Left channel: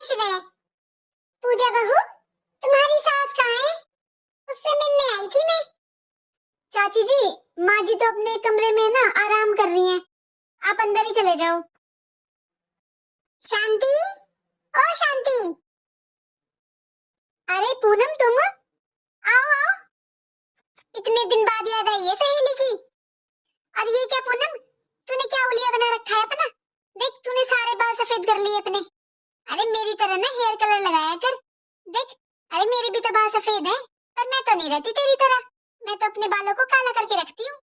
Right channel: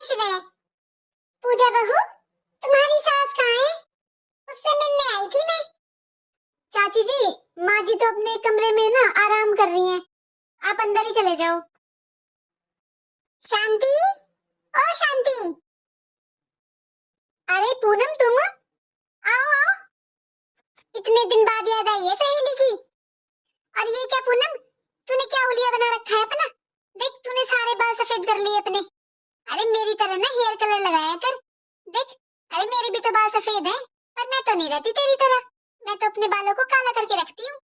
श्रेय, पूजा बहू, तुम्हारी सास कहाँ है? उससे मिलने आई थी मैं। चाची जी, माँ जी तो अपने कमरे में ना आराम कर रही हैं। आप अंदर ही चले जाओ। शांति, ओ शांति। अरे पूनम, तुम आओ आओ। इतने दिन बाद याद आई है सहेली की। और ये क्या पूनम, तूने क्या हुलिया बना रखा है अपना? देख, तूने सारे बाल सफेद कर लिए अपने। अरे मेरी तरह ना हेयर कलर लगाया कर। देख, अरे मेरे भी तो बाल सफेद हैं, पर मैं तो नहीं रहती तेरी तरह। मैं तो अपने बालों को काला करके रखती हूँ।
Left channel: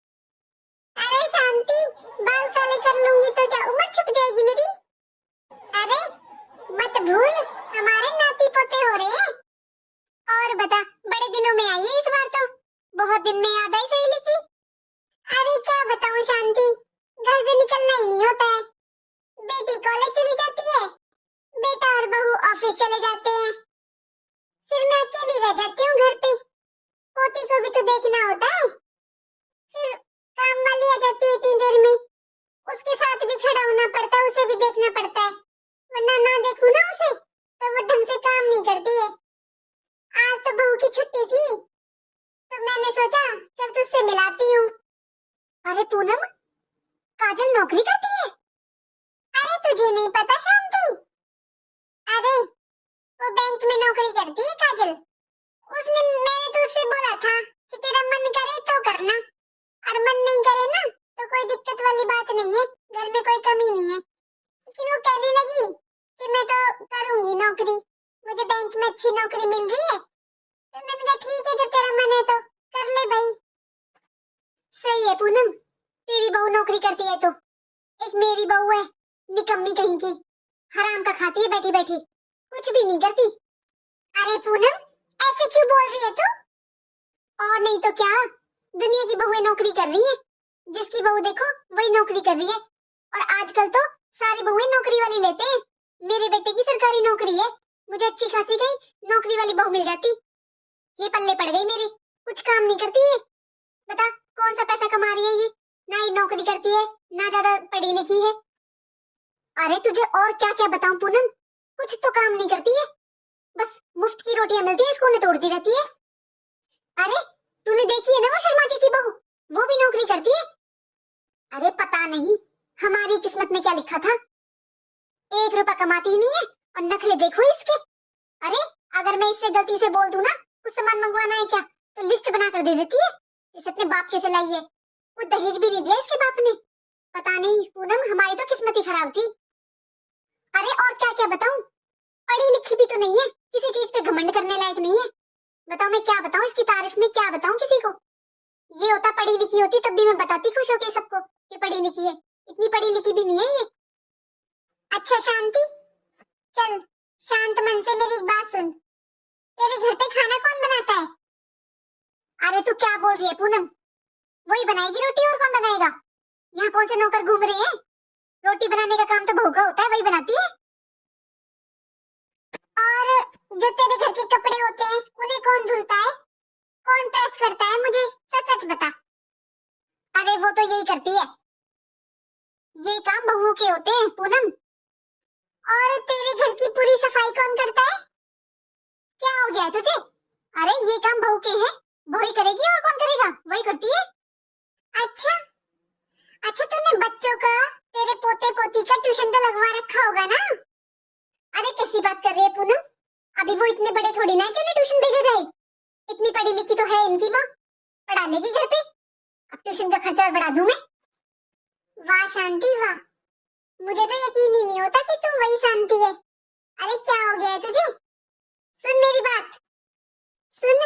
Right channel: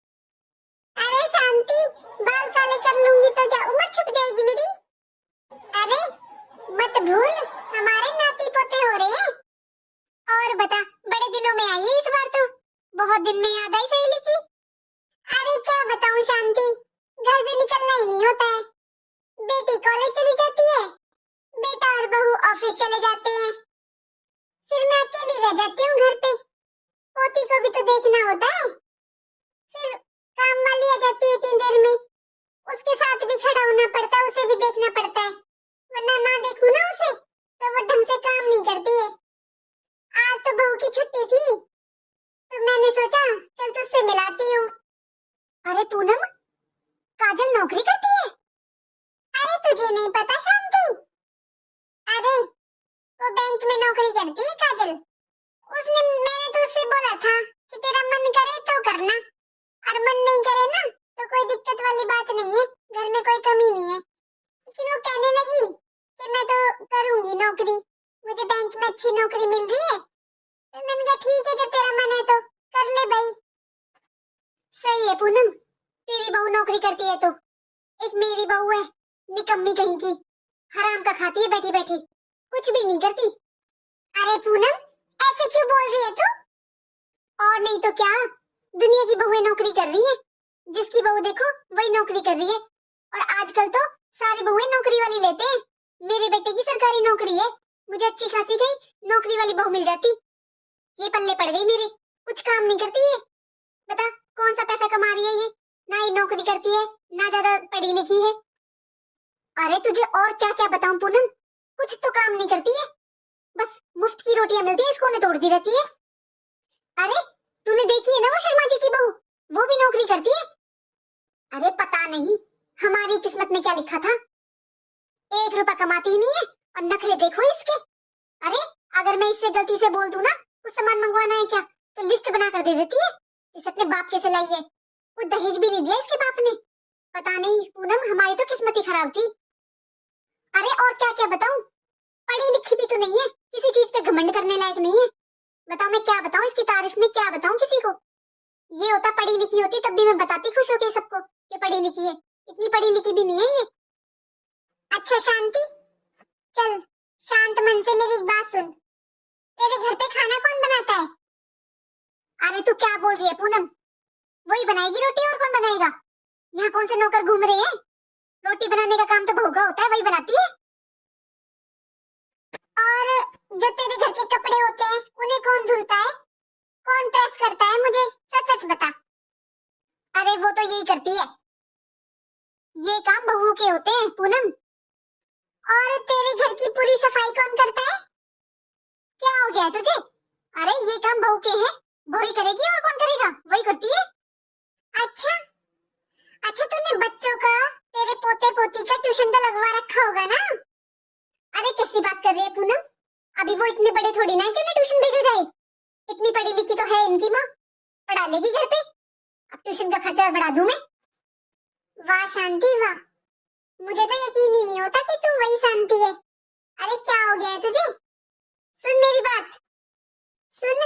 अरे शांति, बाल काले कर लूंगी तो क्या उम्र छुप जाएगी मेरी? अरे मत भूल, हमारे नाती पोते हो रहे हैं। और बता, बड़े दिनों में आई है इस बार तो। बहुत दिन में याद आई सहेली की। अरे क्या बताऊं शांति, घर से निकलना ही नहीं होता है। बेटी कॉलेज चली जाती है, बेटा और बहू ऑफिस चले जाते हैं, फिर मैं अकेली रह जाती हूँ घर पे। पोती को भी तो देखना होता है। फिर काम वाली आ जाती है इतनी देर में, उसके साथ भी खड़ा होना पड़ता है, उसे भी देखना पड़ता है। वरना ना देखूं ना उसे तो वो ढंग से काम नहीं करती है। आज तो बहू की छुट्टी थी, तो मैंने सोचा चल तुझसे मिलाती हूँ। अरे पूनम, काजल नौकरी करती है? अरे तुझे नहीं पता शांति? अरे वो बैंक में नौकरी करती है काजल। उसने मैंने तो उससे बोला था कि तेरा मन करे तो करना, और मन नहीं करे ना तो कोई दिक्कत वाली बात नहीं है, घर में कोई कमी नहीं है। लेकिन वो कहने लगी कि मैं तो करूंगी नौकरी, मुझे बैंक में अच्छी नौकरी मिल रही है। तो मैंने कहा ठीक है, जब तेरा मन है तो कर ले भाई। सही है पूनम, तेरी बहू नौकरी करती है तो। एक मेरी बहू है, निकम्मी कहीं की, हराम का खाती है बैठी बैठी, कुछ भी नहीं करती। अरे पूनम, ऐसे क्यों बोल रही है तू? और नहीं तो क्या, दुनिया की बहुएं नौकरी कर रही हैं। जिसकी बहू देखो वही नौकरी कर रही है। और आजकल तो सारी बहुएं नौकरी वाली लेते हैं। मेरे बेटे की सरकारी नौकरी है, मुझे अच्छी खासी कहीं नौकरी वाली बहू मिल जाती। ये पल्ले पड़ गई मेरे, कुछ काम नहीं करती है। बता कौन सा पैसा कमा रही है ये, ना ये नौकरी करती है ना ज्यादा पढ़ी लिखी है। अरे तुझे और क्या क्या बताऊं पूनम, कुछ तो काम नहीं करती है, बस मुफ्त की रोटियां मिलती है इसको तोड़ती रहती है। अरे तूने देखी है ना वो शर्मा जी की बहू, वो भी नौकरी करती है। अरे पता नहीं हमारी किस्मत में क्या लिखा था, 1 रुपया कमाती ही नहीं है और नखरे देखो इसके। अरे अगर मैं इससे गलती से बोल दूं ना कुछ सामान मंगवाना है क्या, तो लिस्ट बना कर दे देती है। इस अपने बाप के से लाई है, कुछ दहेज भी नहीं दिया इसके बाप ने। पता नहीं पूनम, हमारी तो किस्मत ही खराब थी। अरे और क्या क्या बताऊं, पढ़ी लिखी भी तो नहीं है, किसी चीज पे घमंड करने लायक नहीं है। बताओ मैं क्या बताऊं, इसकी तारीफ में क्या बताऊं किसी को। ये होता पढ़ी लिखी होती तब भी मैं बताती खुश होके सबको कि पढ़ी लिखी है, इतनी पढ़ी लिखी भी नहीं है ये। अच्छा शांति, चल शांत मन से मेरी एक बात सुन, तेरे घर पे खाना कौन बनाता है? अरे तू क्या बोल रही है पूनम, वही बनाएगी रोटी, और कौन बनाएगा? यहाँ कौन से नौकर घूम रहे हैं? रोटी बनाने का काम तो बहू का होता है, वही बनाती है। और जो तेरे घर के कपड़े होते हैं उन्हें कौन धुलता है, कौन प्रेस करता है, मुझे सच सच बता। अरे वो तो यही करती है, ये काम बहुओं के होते हैं पूनम। और तेरे घर की पूरी सफाई कौन करता है? क्या हो गया है तुझे? अरे ये काम बहू के हैं, बहू ही करेगी और कौन करेगा, वही करती है। अच्छा अच्छा, तूने बच्चों का, तेरे पोते पोती का ट्यूशन तो लगवा रखा होगा ना? अरे कैसी बात कर रही है पूनम, अभी वो इतने बड़े थोड़ी ना है कि उन्हें ट्यूशन भेजा जाए। इतनी पढ़ी लिखी तो है इनकी माँ, पढ़ा लेगी घर पे। अब ट्यूशन का खर्चा बढ़ा दूं मैं? वाह शांति वाह, मुझे तो यकीन ही नहीं होता कि तू वही शांति है। अरे क्या हो गया है तुझे? सुन मेरी बात, सुन,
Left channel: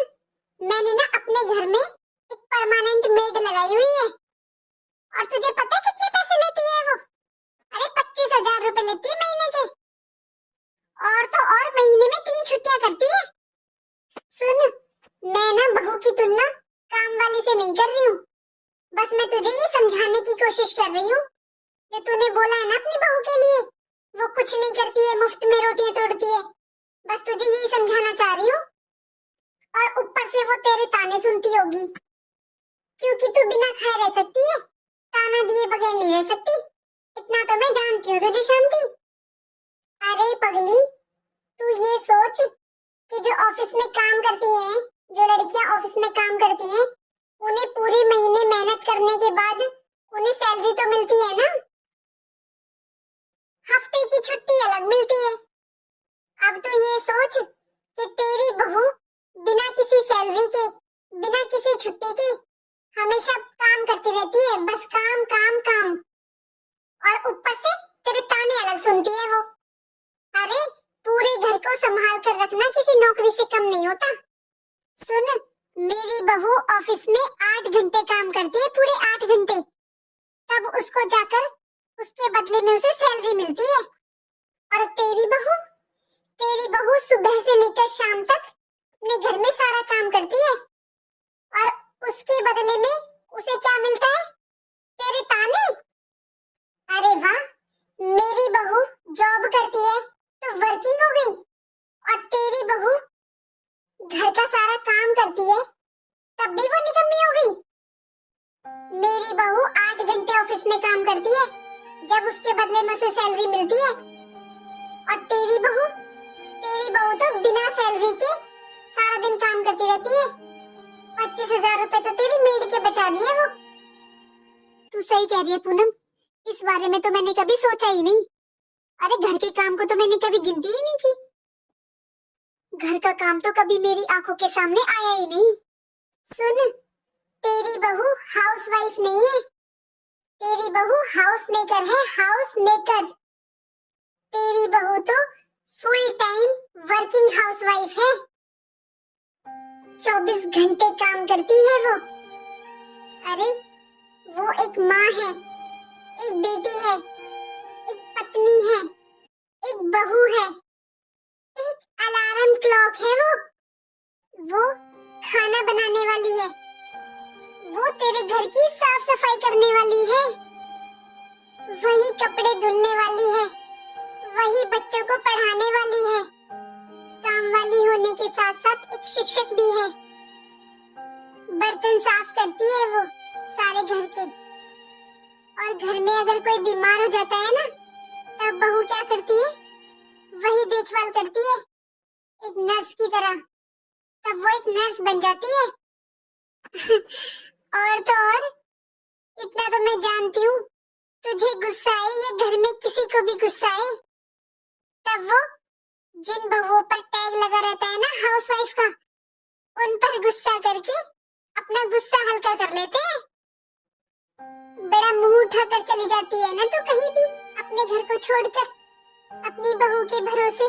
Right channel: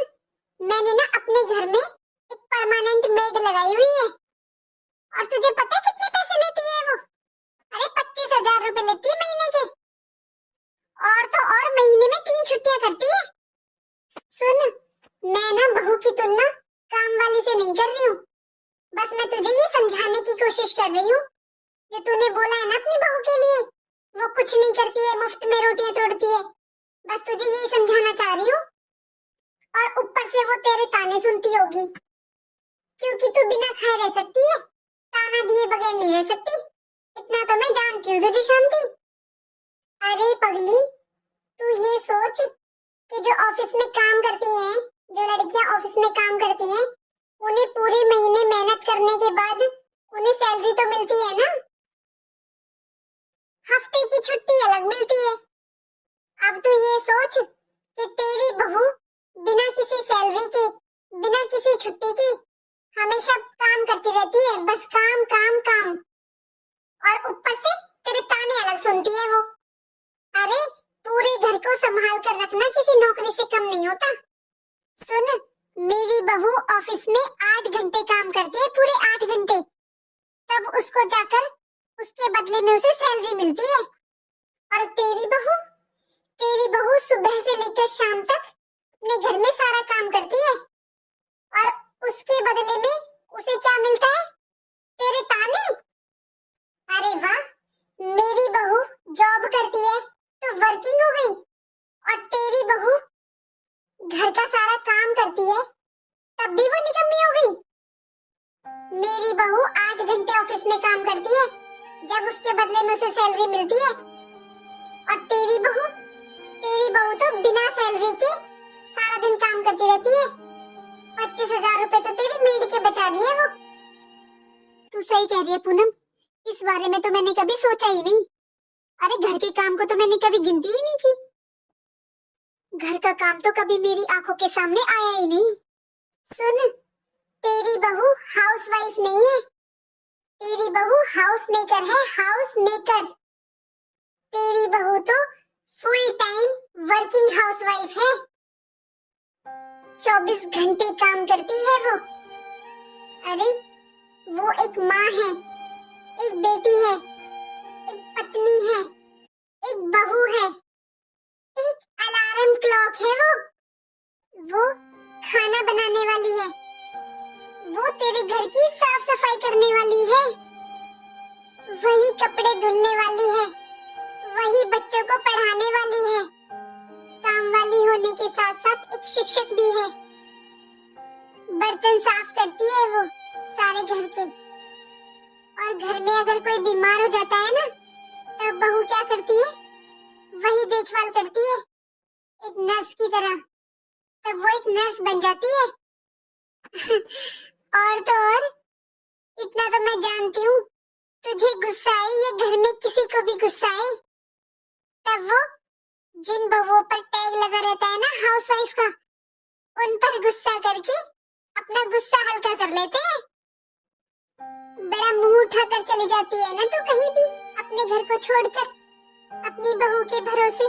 मैंने ना अपने घर में एक परमानेंट मेड लगाई हुई है। और तुझे पता है कितने पैसे लेती है वो? अरे 25,000 रुपए लेती है महीने के। और तो और महीने में 3 छुट्टियां करती है। सुन, मैं ना बहू की तुलना काम वाली से नहीं कर रही हूँ, बस मैं तुझे ये समझाने की कोशिश कर रही हूँ। जो तूने बोला है ना अपनी बहू के लिए, वो कुछ नहीं करती है, मुफ्त में रोटियां तोड़ती है, बस तुझे यही समझाना चाह रही हूँ। और ऊपर से वो तेरे ताने सुनती होगी, क्योंकि तू बिना खाए रह सकती है, ताना दिए बगैर नहीं रह सकती। इतना तो मैं जानती हूँ तुझे शांति। अरे पगली, तू ये सोच कि जो ऑफिस में काम करती हैं, जो लड़कियां ऑफिस में काम करती हैं, उन्हें पूरे महीने मेहनत करने के बाद उन्हें सैलरी तो मिलती है ना, हफ्ते की छुट्टी अलग मिलती है। अब तू ये सोच कि तेरी बहू बिना किसी सैलरी के, बिना किसी छुट्टी के हमेशा काम करती रहती है, बस काम काम काम, और ऊपर से तेरे ताने अलग सुनती है वो। अरे पूरे घर को संभाल कर रखना किसी नौकरी से कम नहीं होता। सुन, मेरी बहू ऑफिस में 8 घंटे काम करती है, पूरे 8 घंटे, तब उसको जाकर उसके बदले में उसे सैलरी मिलती है। और तेरी बहू सुबह से लेकर शाम तक अपने घर में सारा काम करती है, और उसके बदले में उसे क्या मिलता है? तेरे ताने। अरे वाह, मेरी बहू जॉब करती है तो वर्किंग हो गई, और तेरी बहू घर का सारा काम करती है तब भी वो निकम्मी हो गई। मेरी बहू 8 घंटे ऑफिस में काम करती है, जब उसके बदले में उसे सैलरी मिलती है, और तेरी बहू तो बिना सैलरी के सारा दिन काम करती रहती है। 25,000 रुपए तो तेरी मेड के बचा दिए वो। तू सही कह रही है पूनम, इस बारे में तो मैंने कभी सोचा ही नहीं। अरे घर के काम को तो मैंने कभी गिनती ही नहीं की। घर का काम तो कभी मेरी आंखों के सामने आया ही नहीं। सुन, तेरी बहू हाउसवाइफ नहीं है, तेरी बहू हाउस मेकर है, हाउस मेकर। तेरी बहू तो फुल टाइम वर्किंग हाउसवाइफ है, 24 घंटे काम करती है वो। अरे वो एक माँ है, एक बेटी है, एक पत्नी है, एक बहू है, एक अलार्म क्लॉक है वो खाना बनाने वाली है, वो तेरे घर की साफ सफाई करने वाली है, वही कपड़े धुलने वाली है, वही बच्चों को पढ़ाने वाली है, काम वाली होने के साथ साथ एक शिक्षक भी है। बर्तन साफ करती है वो सारे घर के, और घर में अगर कोई बीमार हो जाता है ना, तब बहू क्या करती है? वही देखभाल करती है, एक नर्स की तरह। तब वो एक नर्स बन जाती है। और तो और, इतना तो मैं जानती हूँ, तुझे गुस्सा आए या घर में किसी को भी गुस्सा आए, तब वो जिन बहुओं पर टैग लगा रहता है ना हाउसवाइफ का, उन पर गुस्सा करके अपना गुस्सा हल्का कर लेते हैं। बड़ा मुंह उठाकर चली जाती है ना तू कहीं भी, अपने घर को छोड़कर अपनी बहू के भरोसे।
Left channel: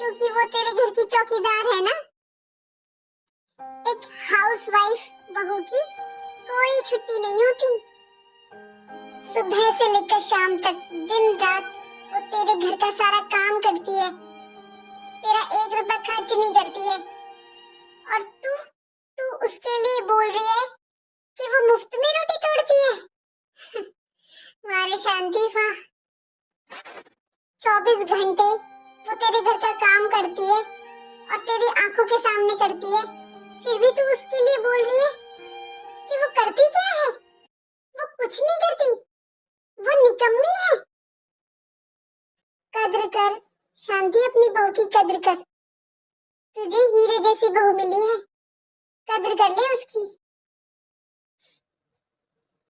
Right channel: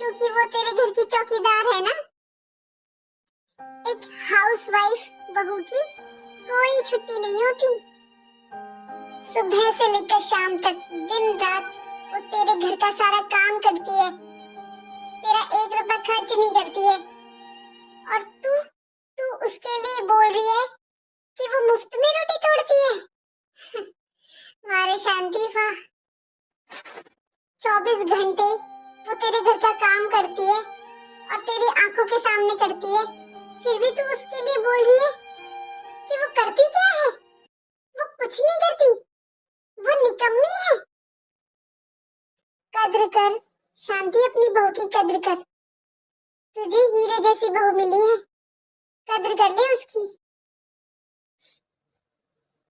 क्योंकि वो तेरे घर की चौकीदार है ना। एक हाउसवाइफ बहू की कोई छुट्टी नहीं होती, सुबह से लेकर शाम तक दिन रात वो तेरे घर का सारा काम करती है, तेरा 1 रुपया खर्च नहीं करती है, और तू उसके लिए बोल रही है कि वो मुफ्त में रोटी तोड़ती है। मारे शांति वाह, 24 घंटे वो तेरे घर का काम करती है और तेरी आंखों के सामने करती है, फिर भी तू उसके लिए बोल रही है कि वो करती क्या है? वो कुछ नहीं करती, वो निकम्मी है। कद्र कर शांति, अपनी बहू की कद्र कर, तुझे हीरे जैसी बहू मिली है, कद्र कर ले उसकी।